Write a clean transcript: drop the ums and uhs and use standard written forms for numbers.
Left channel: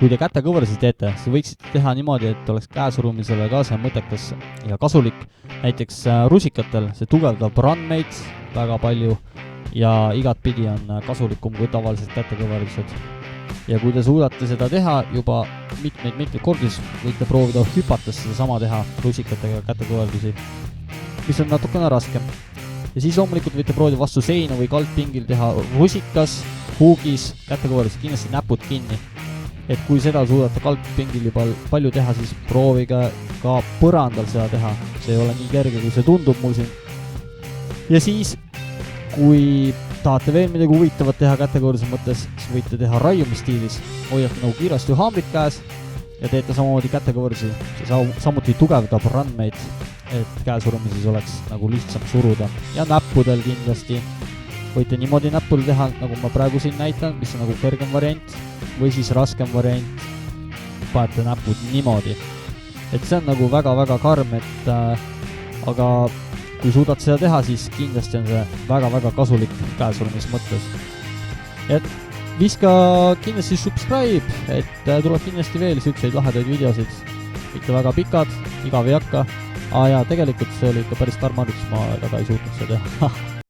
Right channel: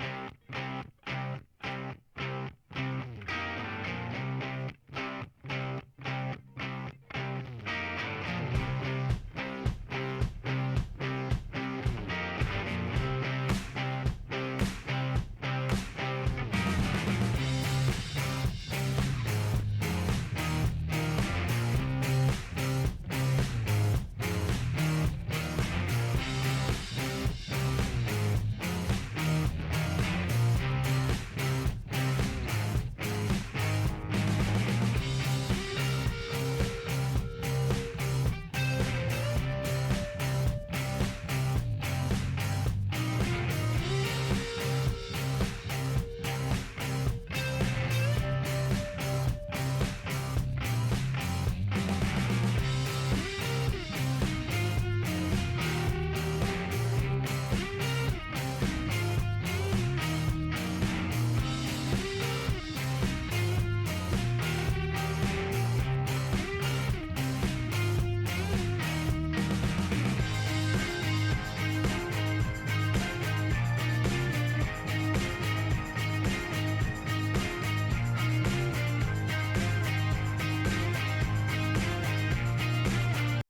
kui te kätekõverdusi teete, siis võiksite teha niimoodi, et oleks käesurumisele ka see mõttekas ja kasulik. Näiteks rusikatel see tugevdab randmeid väga palju ja igatpidi on kasulikum kui tavalised kätekõverdused. Ja kui te suudate seda teha juba mitmeid kordi, võite proovida hüpates seda sama teha rusikatega kätekõverdusi, mis on natukene raskem. Ja siis loomulikult võite proovida vastu seina või kaldpingil teha rusikas, huugis, kätekõverdus, kindlasti näpud kinni. Et kui seda suudate kaldpingil juba palju teha, siis proovige ka põrandal seda teha. See ei ole nii kerge, kui see tundub muusin. Ja siis, kui tahate veel midagi huvitavat teha kätekõverduse mõttes, siis võite teha raiumistiilis. Hoiate nagu kiiresti haambrid käes ja teete samamoodi kätekõverdusi. Samuti tugevdab randmeid, et käesurumises oleks nagu lihtsam suruda. Ja näppudel kindlasti võite niimoodi näppul teha, nagu ma praegu siin näitan, mis on nagu kõrgem variant või siis raskem variant. Panete näpud niimoodi. Et see on nagu väga-väga karm, aga kui suudate seda teha, siis kindlasti on see väga-väga kasulik käesurumis mõttes. Et viska kindlasti subscribe, et tuleb kindlasti veel siukseid lahedaid videosid. Ikka väga pikad, igav ei hakka. Ja tegelikult see oli ikka päris tarmaduks, ma väga ei suutnud seda teha.